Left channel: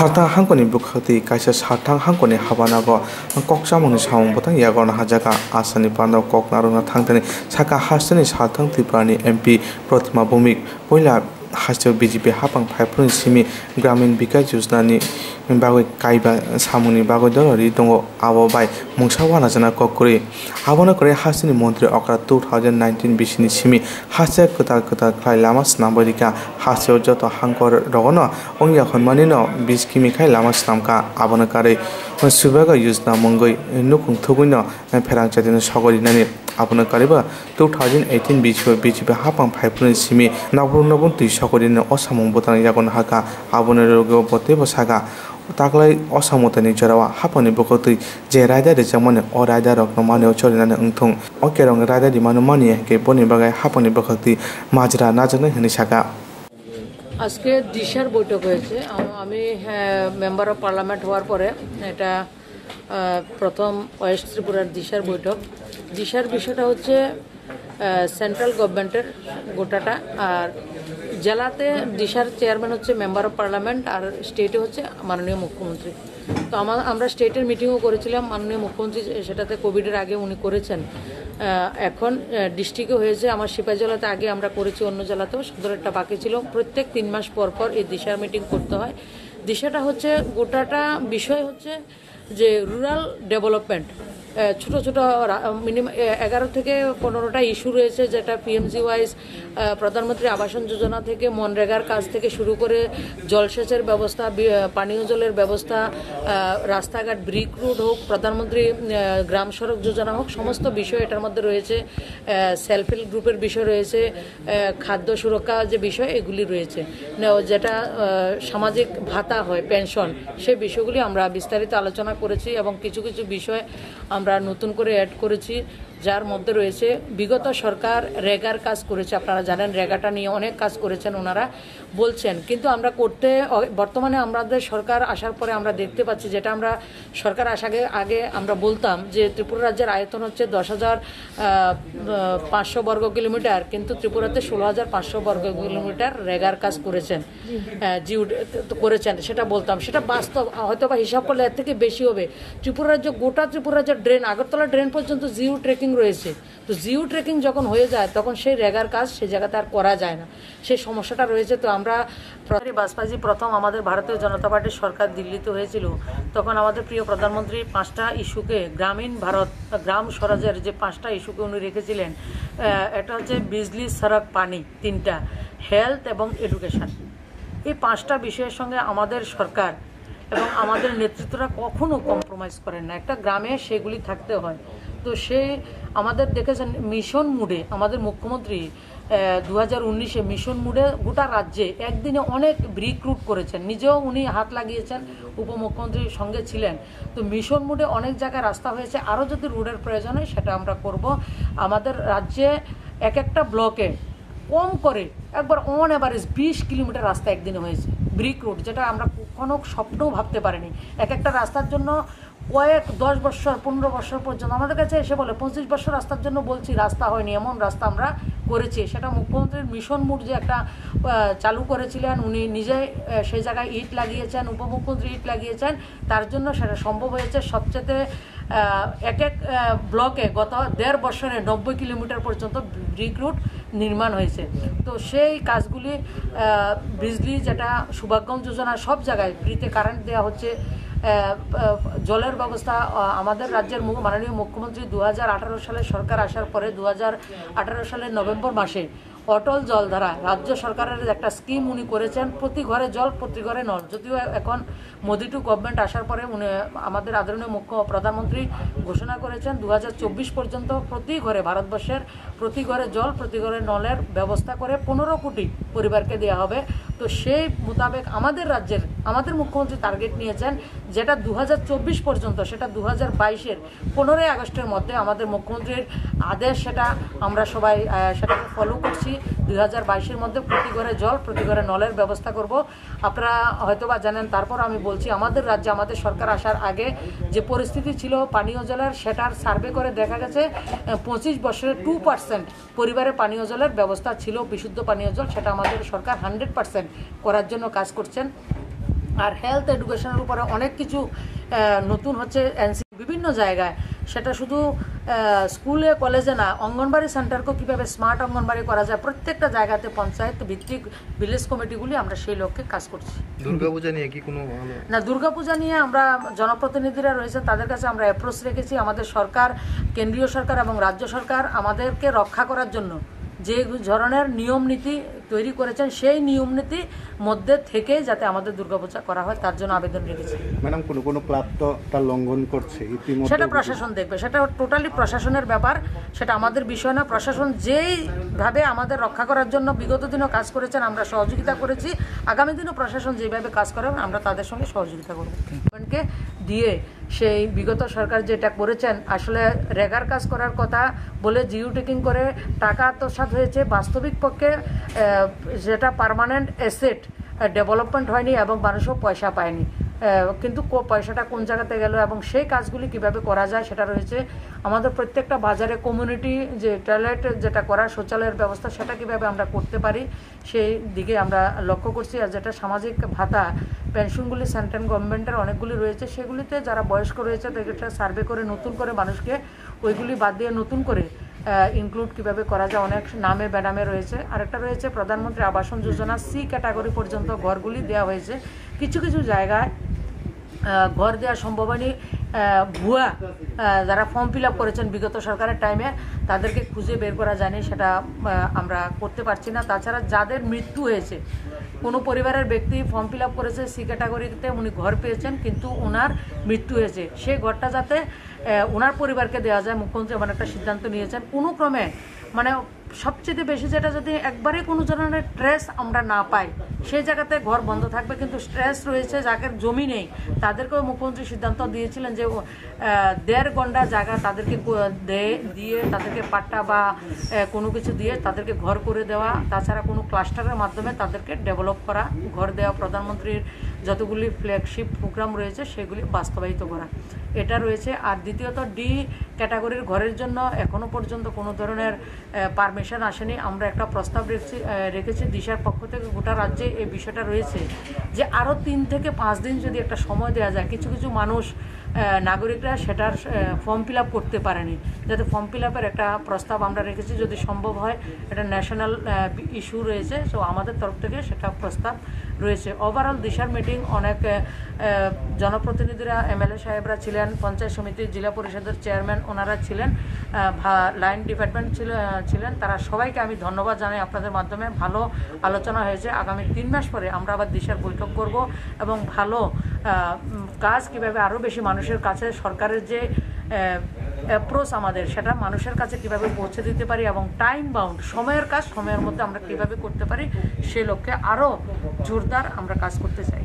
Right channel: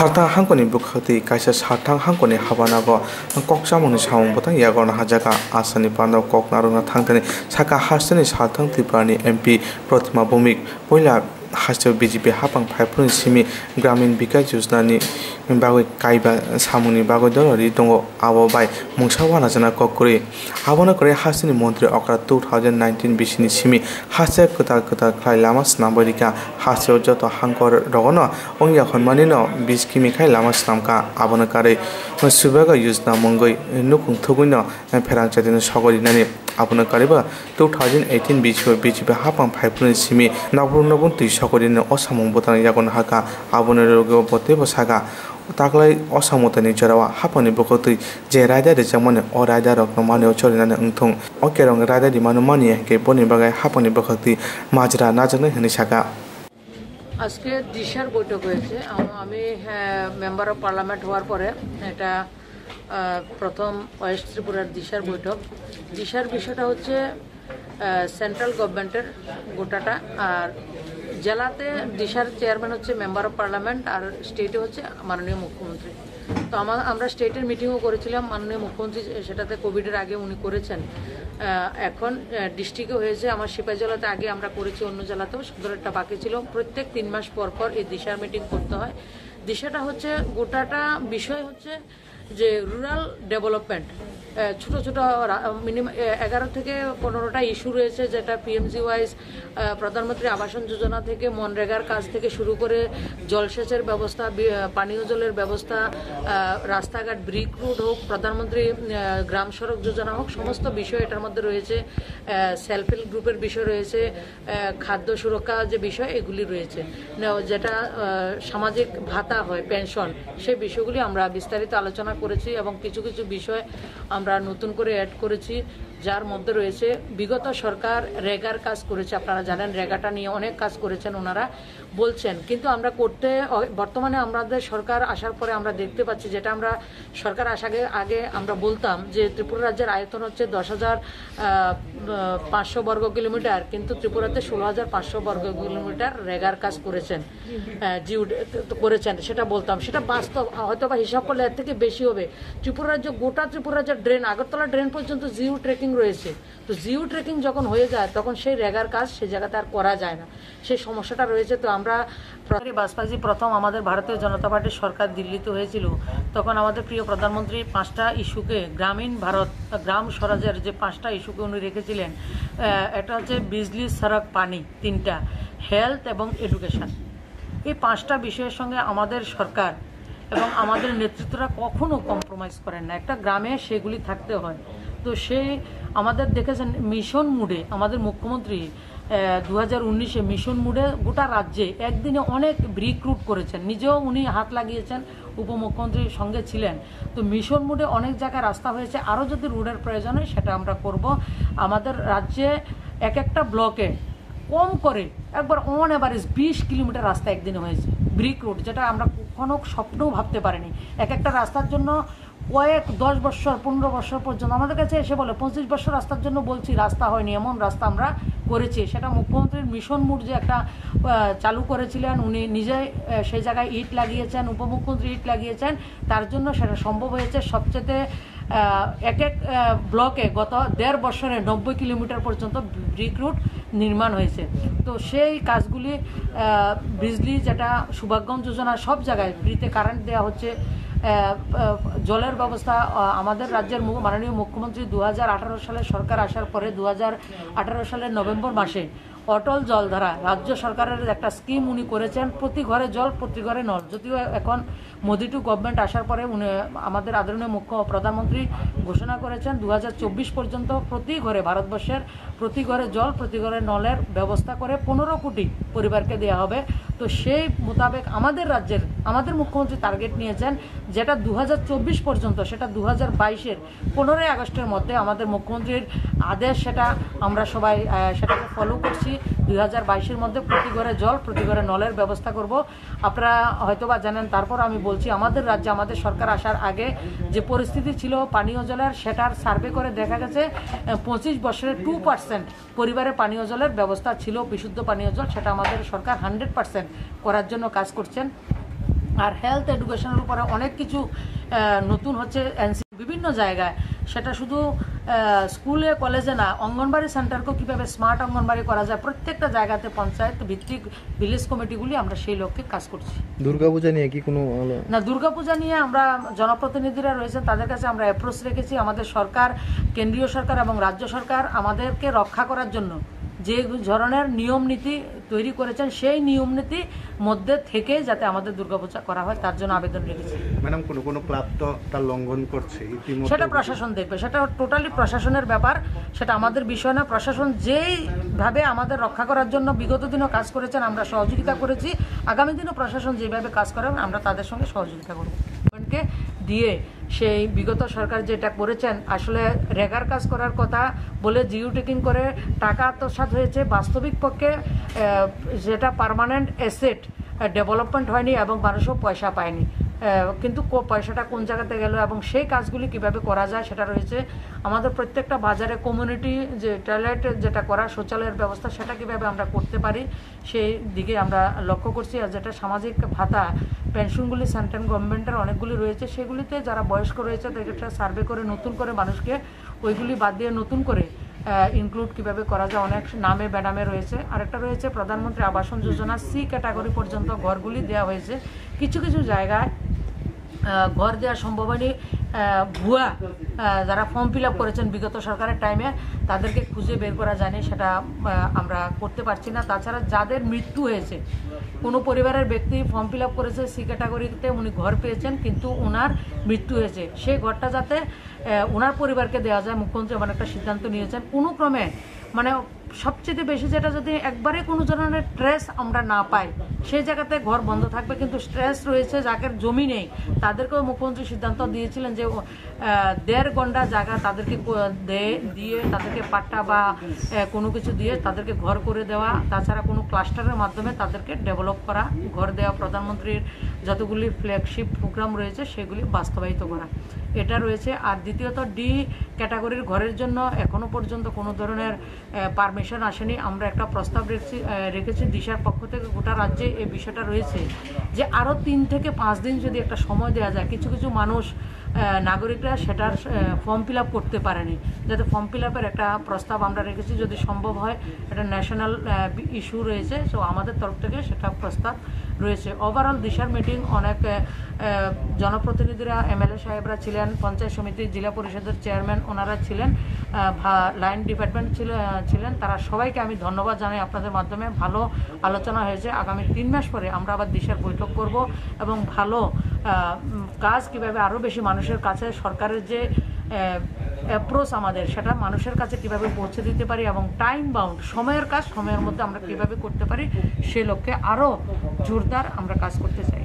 Sartang hangkoni bukhati kaisa sartang hangkoni habanago kokchamoni samung botang yagorna hajaga asani pano koknaruna thangtani saka hastani sartang triprani MP Protima Bhumik poila hasto BJP hapang phaipun simi gramin bikas yojna ni bagoi kaiba samuni bagoi dorori tongo abo bai mungsawana jana kokuri abona kore hastani mantri okra 2019 bisini simi hasta kota khlai lama snambarika hasto joto hangkor rogono ongya khonmani no 20 kimi khai lama snamka abona kare subaga yojna mongoi nukung thuguino pherang chadin sogorinani abona kareba 2018 BJP hapang phaipun simi nabun সকরিনে অসামং বতান Yangon হাকা আবনের রোগে বতে বসাগা তাকলাই অসামতনি জরাওয়া হাপনি বকতই যে রায়দা রে জামনে অ রায়দা rock মানে চরিনানে অংথং অকেরং রায়দা দি মানু মানিয়ে কে বনি বাগায় হাপনি বকতি মাজরা নাজনে হনি Saga আজকে দিশার বৈঠক হয়েছে আমি মেম্বার অফ পার্লামেন্ট হওয়ার পরে এটা প্রথম ওয়েস্ট ত্রিপুরার দিশার বৈঠক দিশার বিষয়টা হচ্ছে সেন্ট্রাল গভর্নমেন্টের গোটাটা আর জেলাতে দিশার চেয়ারম্যান হচ্ছে মেম্বার অফ পার্লামেন্ট আর স্টেটে হচ্ছে মাননীয় মুখ্যমন্ত্রী। তো আমরা স্টেটের মিটিংও করেছিলাম, মাননীয় মুখ্যমন্ত্রী সেটাতে কোভিডের আগে উনি করেছেন। এখন ডিস্ট্রিক্টে হয়েছে, আমার সিপাহী জেলাতে আগে আমরা করেছি, অন্য জেলাতেও সদরেরটা বাকি ছিল। প্রত্যেক 3 মাস পর পর এই দিশার মিটিং করতে হয়। দিশাটা হচ্ছে গোটাটা বিষয় হচ্ছে যে রুরাল ডেভেলপমেন্ট, ছোট ছোট মিনিমাম 11 থেকে 15টা ইস্যু রয়েছে, যেটা পিএমজি ওয়াইজ প্রধানমন্ত্রী আবাসন যোজনা থেকে মনরেগার কাজ থেকে শুরু করে জলসেচের ব্যবস্থা, পানীয় জলের ব্যবস্থা, রাস্তাঘাট, ব্রিক রোড হোক, প্রধানমন্ত্রী গ্রাম সড়ক যোজনা হোক, সমস্ত বিষয় এটার মধ্যে রয়েছে। সেলফ হেল্প গ্রুপের বিষয় রয়েছে, খাদ্য সুরক্ষা যে বিষয় এগুলি রয়েছে, যেটা সামাজিক ভাতা হয়, পেনশন, সেই বিষয়গুলি আমরা বিস্তারিত আলোচনা করেছি এবং কিছু কিছু বিষয় আমরা নতুন করে অ্যাড করেছি, যার মধ্যে রয়েছে বিগত সরকার রেগার কাজ করেছে। আপনারা জানেন রেগাটা নিয়ে অনেক কাজ করেছেন ওনারা বলছেন, কিন্তু আমরা করতে বর্তমানে আমাদের সরকার আসার পরে আমরা দেখতে পাচ্ছি, যেটা আমরা সরকার আসার আগে আমরা বলতাম যে ত্রিপুরা রাজ্যের আয়তন হচ্ছে 10,500 বর্গ কিলোমিটার, কিন্তু ত্রিপুরাতে 16,500 বর্গ কিলোমিটার রেগার কাজ করেছেন, করেছেন, সেটা বলতাম। সেটা বাস্তব, হয়তো বা হিসাব করলে এর থেকে বেশি হবে। ত্রিপুরা রাজ্য, গোটা ত্রিপুরা রাজ্যের ড্রেন, আগরতলা ড্রেন পর্যন্ত জিও ট্রেকিং রয়েছে। তো জিও ট্রেকিং যখন হয়ে যায় তখন সেই রেগার কাজ সেই জায়গাতে আর করা যায় না, সেই সমস্যাটা রয়েছে। তো আমরা বাজপেয়ী প্রথম আমাদের ভারতীয় জনতা পার্টির সরকার দিল্লিতে হয়েছিল, তখন আমাদের প্রিয় প্রধানমন্ত্রী 5টা ইস্যুকে, গ্রামীণ ভারত, গ্রাম স্বরাজের যে 5টা ইস্যুকে উনি রেখেছিলেন, একটা হচ্ছে বিজলি, সড়ক, পানি, 3টা, হেলথ এবং এডুকেশন। এই 5টা বিষয়ের সঙ্গে আমাদের সরকার এবং আমাদের নেতৃত্বরা কখনো কম্প্রোমাইজ করেন না। একটা গ্রামে সেগুলি থাকতে হয়। তো সেই আমাদের দেখেছেন মিশন মুডে আমাদের মুখ্যমন্ত্রী 2019-এ মিশন মুডে গোটা রাজ্যে একদিনে অনেক ব্রিক রুট করেছেন, নিজেও উনি হাত লাগিয়েছেন, উপমুখ্যমন্ত্রীর সঙ্গে ছিলেন। তো মিশন মুডে অনেক জায়গায় রাস্তা হয়েছে, আরও যদি রোডের প্রয়োজন হয় সেটা আমরা করব। আমাদের রাজ্যে এক একটা ব্লকে কম করে একবার অন অ্যাভারেজ 20 কিলোমিটার রাস্তা একদিনে হয়েছে, ব্রিক রোড, যেটা আমরা কখনো স্বপ্নেও ভাবতে পারিনি। এক একটা রাস্তার জন্য কয়েক 10 বছর 15 বছর পর্যন্ত আমাদের কাছে এসে বলে 25 বছর রাস্তার জন্য বলছি, রাস্তা হয়নি, এমন রাস্তা আমরা করেছি। সেটা মুখ্যমন্ত্রীর মিশন মুড যে একটা চালু করেছিলেন, উনি নিজে সেই জায়গায় ইট লাগিয়েছেন, উপমুখ্যমন্ত্রী ইট লাগিয়েছেন, তার জন্য সেটা সম্ভব হয়েছে। সবচেয়ে এক ব্লকে গত 1.5 বছরে 90 কিলোমিটার পর্যন্ত ব্রিক রুট নির্মাণ হয়েছে। তো সেই কাজগুলি, বিজলি যেটা সৌভাগ্যম যোজনা, সব জায়গায় ফ্রিতে কারেন্ট দেওয়া হচ্ছে, জলের ব্যবস্থা। আমাদের রাজ্যের মাননীয় মুখ্যমন্ত্রী 2018 সালে সরকার আসার পরে 2018 সালের নভেম্বর মাসে অটল জলধারা রাজ্য সরকারের একটা স্কিম উনি করেছেন, প্রতি ঘরে জল, প্রতি ঘরে নল। যদিও এখন মোদি টু গভর্নমেন্ট আসার পরে উনি আমাদের আদরণীয় প্রধানমন্ত্রী ঘোষণা করেছেন 2024 পর্যন্ত প্রতি ঘরে, ভারতবর্ষের প্রতি ঘরে জল, প্রতি ঘরে নলের ব্যবস্থা করে 15 কোটি পরিবারকে দেওয়া হবে। তো সেই মোতাবেক আমাদের রাজ্যের আমাদের মুখ্যমন্ত্রী টার্গেট নিয়েছেন, যেটা 2024 পর্যন্ত, সেটা 2022-এর 15ই আগস্টের মধ্যে আমাদের মুখ্যমন্ত্রীর আদেশ, সেটা আমরা সবাই সেটাকে ফলো করছি। 2022-এর মধ্যে প্রতি ঘরে জল, প্রতি ঘরে নলের ব্যবস্থা করব। আপনারা হয়তোবা জানেন, তারপর আমি বলছি, আমাদের রাজ্যে আমাদের সরকার আসার আগে যে পরিস্থিতি ছিল পানীয় জলের, সেটার সার্ভে করে দেখা গেছে 25 বছরে 2% পরিবারে পানীয় জলের ব্যবস্থা ছিল, বিশুদ্ধ পানীয় জল। সেটা আমাদের সরকার 100% করার জন্য কাজ করছেন। আর হেলথ এডুকেশনের উপরে অনেক কিছু নতুন হচ্ছে বিভিন্ন জায়গায়, সেটা শুধু স্কুলে কলেজে না, অঙ্গনবাড়ি সেন্টারকেও কিভাবে স্মার্ট অঙ্গনবাড়ি করা যায় প্রত্যেকটা জায়গাতে পঞ্চায়েত ভিত্তিক ভিলেজ কমিটিগুলি আমরা সেই লক্ষ্যে কাজ করছি। দুর্গাপূজা নিয়ে কি কোনো না, দুর্গাপূজা নিয়ে আমরা জনপ্রতিনিধিরা রয়েছেন তাদের কাছে আমরা অ্যাপ্রোচ রেখেছি। আমাদের সরকার, কেন্দ্রীয় সরকার এবং রাজ্য সরকার আমাদেরকে রক্ষা করার জন্য যে ধরনের নিয়ম নীতি তৈরি করেছেন সেই নিয়ম নীতি মধ্যে থেকে যাতে আমাদের দুর্গাপূজা করা হয় তার জন্য আবেদন রেখেছি। ম্যাডাম, কোনো ক্লাব তো তার লঙ্ঘন করছে, সেটা প্রশাসন দেখবে, সেটা টোটালি প্রশাসনের ব্যাপার, সেটা আমাদের বিষয় না। প্রশাসন যেইভাবে আমাদের রক্ষা করার জন্য বিগত দিনও কাজ করেছেন আমরা সহযোগিতা করেছি, আগামী দিনও প্রশাসন যেভাবে কাজ করে আমরা তাদের সঙ্গে সহযোগিতা করব। গভর্নমেন্টকে দিয়ে সেই বিগত সরকার যেটা করেছেন, আসলে রেগার কাজ করার কথা বলে জিও টেকিং করে টাকা আত্মসাৎ হয়েছে, বাস্তবিক পক্ষে যেটা পার্মানেন্ট অ্যাসেট ডেভেলপমেন্ট হয়নি এবং মানুষও পয়সা পায়নি। কিন্তু পয়সাটা কোন জায়গাতে গেল এবং সেই কাজগুলি কিভাবে করা যায় সেটা রয়েছে। আমাদের প্রত্যেকটা বাজারে কমিউনিটি যে টয়লেট যেটা করা, শৌচালয়ের ব্যবস্থা, সেটা কিভাবে আমরা করতে পারি সেই দিকে আমরা লক্ষ্য করছি। আর যেটা সামাজিক ভাতা পেনশনগুলি সেন্ট্রাল গভর্নমেন্টের অনেকগুলি রয়েছে, সেগুলিতে যারা বয়স্ক রয়েছে তাদেরকে সার্ভে করে নতুন করে মানুষকে ওইগুলি বাদ দিয়ে নতুন করে ইনক্লুড কিভাবে করা যায়, অনেক নামে বেনামে রয়েছে। আরেকটা রয়েছে প্রধানমন্ত্রী আবাসন যোজনা, সি ক্যাটাগরি পর্যন্ত ঘরগুলি দেওয়া হয়েছে। কিছু কিছু জায়গায় ঘর দেওয়া সম্ভব হয়নি, ভুয়া যারা ফর্ম ফিল আপ করেছেন বিগত সরকারের টাইমে তাদেরকে খুঁজে বের করা যায়নি, সেটা আমরা করতে পারছি না। তাছাড়া যাদের মৃত্যু হয়েছে, কোনো পরিবারের ব্যক্তি ফর্ম ফিল আপ করেছে সি ক্যাটাগরিতে, উনি ঘর পেয়েছেন কিন্তু ওনার মৃত্যু হয়েছে, সেই ঘরটা যাতে ওনার পরিবারকে দেওয়া যায়, মুখ্যমন্ত্রী এমন একটা সিদ্ধান্ত নিয়েছেন। কোনো ক্রমে মানে সবচেয়ে বেশি যেটা যদি একবারে কোনো ধরনের স্ট্রেস আমরা না পাই সেই জায়গাতে ঘর বন্ধ থাকবে, কিন্তু স্ট্রেস রয়েছে যাদের জমি নেই তাদেরকেও মুখ্যমন্ত্রী সিদ্ধান্ত দিয়েছিলেন যে 1.5 গন্ডা জায়গা তাদেরকে দিয়ে তাদেরকে পাট্টা বা কোনো কিছু দিয়ে তাদেরকে ঘর করে দেওয়া, তাছাড়া কোনো ক্লাস্টারের মাধ্যমে তাদেরকে ডেভেলপ করা, ঘর দেওয়া, প্রধানমন্ত্রীর যতগুলি ফ্ল্যাগশিপ প্রোগ্রাম রয়েছে সেগুলি বাস্তবায়িত করা, এটা রয়েছে। আর দ্বিতীয়ত ডি ক্যাটাগরির ঘরের জন্য এখনো পর্যন্ত কোনো ধরনের পারমিশন আসেনি। আমরা একটা প্রস্তাব রেখেছি দিশার পক্ষ থেকে, গোটা রাজ্যে এই বিষয়টা রয়েছে যে আরও 3 থেকে 5 দিন যদি একটা সময় দেওয়া যায়, কিছু কিছু মানুষ নাগরিকরা সেটার ফর্ম ফিল আপ করতে পারেনি, যাতে ফর্ম ফিল আপের একটা প্রস্তাব আমরা রেখেছি, যদি সম্ভব হয়, এটা ন্যাশনাল ইস্যু রয়েছে, সো আমাদের তরফ থেকে সেটা প্রস্তাব রয়েছে। ওভারঅল দিশার মিটিং অনেক জনপ্রতিনিধিরা, এমএলএ সাহেবরা ছিলেন, পঞ্চায়েত সমিতি, জেলা পরিষদের চেয়ারম্যান ওনারা ছিলেন, লাইন ডিপার্টমেন্ট ছিলেন, তারা সবাইকে আমি ধন্যবাদ জানাই। আপনাদের মাধ্যমে ভালো আলোচনা হয়েছে। আগামী 3 মাস পরে আমরা আবার দিশার বৈঠক করব এবং ভালো কাজ কিভাবে আরও বেশি মানুষের কাছে, সরকারের যে অ্যাপ্রোচ আমাদের সেটা মানুষের কাছে কিভাবে পৌঁছে দিতে পারি এবং টাইম বাউন্ড সময়ের কাজ সময়ের মধ্যে আমরা কিভাবে করতে পারি সেই লক্ষ্যে আরও জোরদার আমরা কাজ করতে চাই।